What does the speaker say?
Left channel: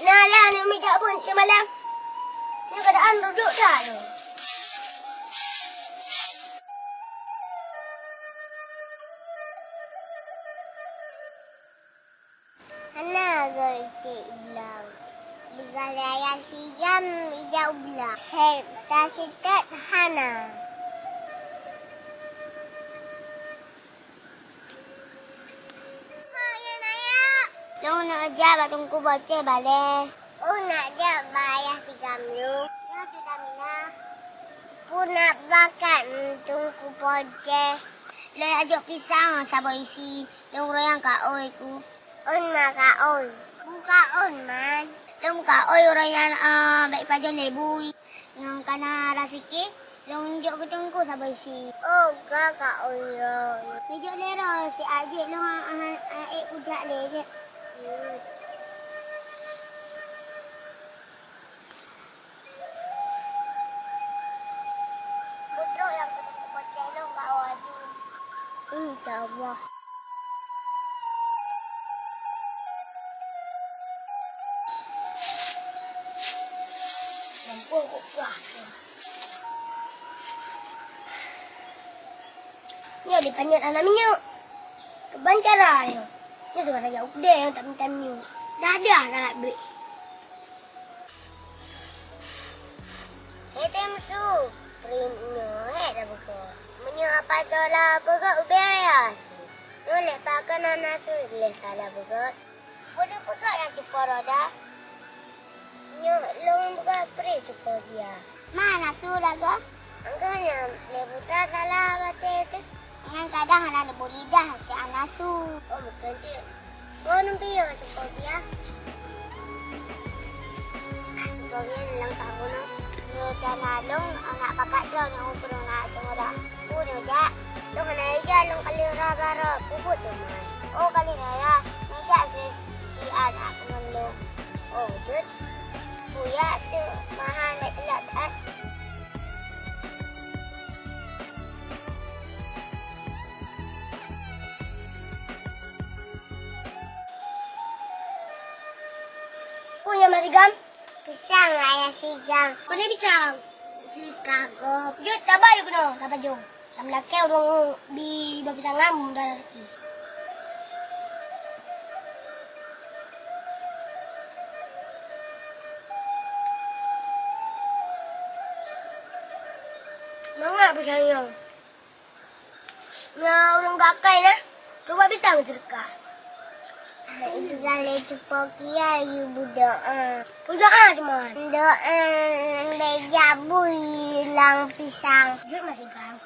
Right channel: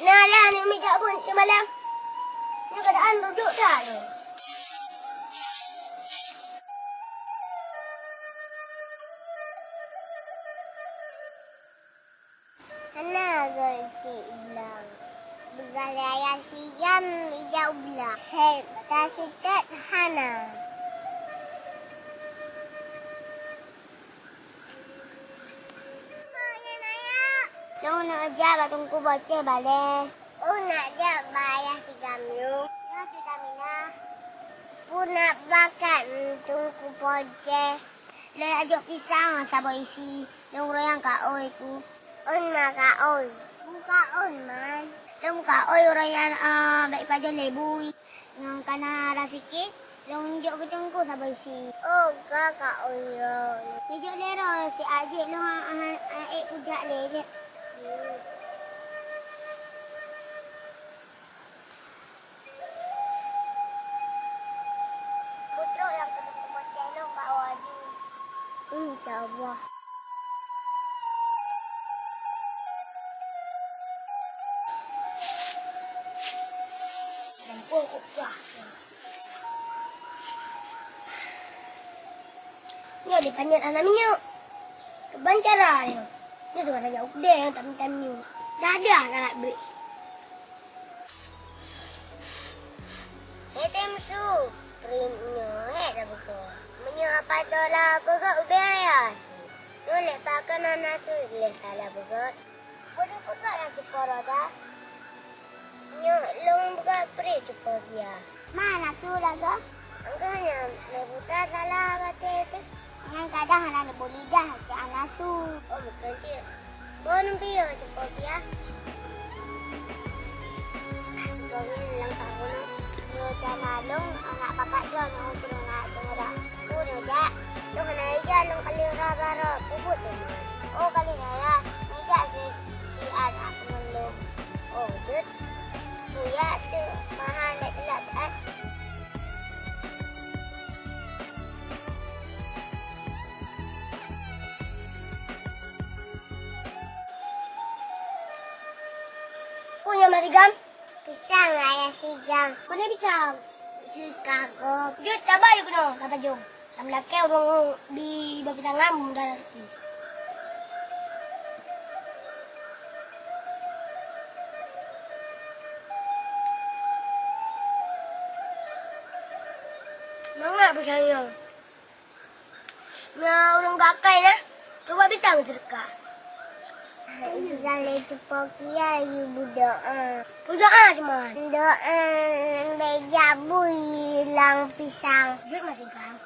nah lah ni meja pun semalam. Ni keadaan duduk dah tu. Hana gerti ulang. Bergaya siam meja ulang. Hei, tak sikat Hana. Long nak ajar batungku baca balik. Oh nak ajar bayar si kamyu. Ya sudah Mina. Pun nak bakat tungku baca. Le ajak pisang sabar isi. Long royang ka oi ku. On ma ka oi. Buka on man. Long ka oi royang baik pajon lebu. Yang kana rasiki. Long jok ke tungku sabar isi. Oh ka oi ro. Ni jok lero si ajik long kujak le. Putra yang ketemu bocah lo kat waju. InsyaAllah. Lampu aku buah. Ni ada panjat anak minyak. Keban cara dia. Ni suara jauh dia yang tak minta minyak. Dah ada kan duit. Hei temsu. Primnya dah buka. Menyapa dolar bergerak beres. Nolak pakai anak tu boleh salah bergerak. Boleh bergerak yang cepat roda. Nyo long bergerak peri cepat dia. Mana su laga? Angkanya lebuta salah batik tu. Dengan kadang ada boleh dah si anak su. Oh bukan dia. Kau nampi ya cepat dia. Kau ni lang tahu nak. Jangan long anak pakat long yang ukur nak semua dah. Udah jak. Long nak aja long kali raba puput tu. Oh kali nara. Meja si anak pengelong. Oh jut. Buya tu mahal nak telat tak. Punya marigam? Pisang ayah sigang. Mana pisang? Chicago. Jut tabah yuk no, tabah jom. Tam laki orang di pisang ngam dah rezeki. Mana pisangnya? Ya orang gakai nah. Coba pisang terka. Jangan cepat kia you berdoa. Berdoa cuma. Doa beja bui lang pisang. Jut masih gang.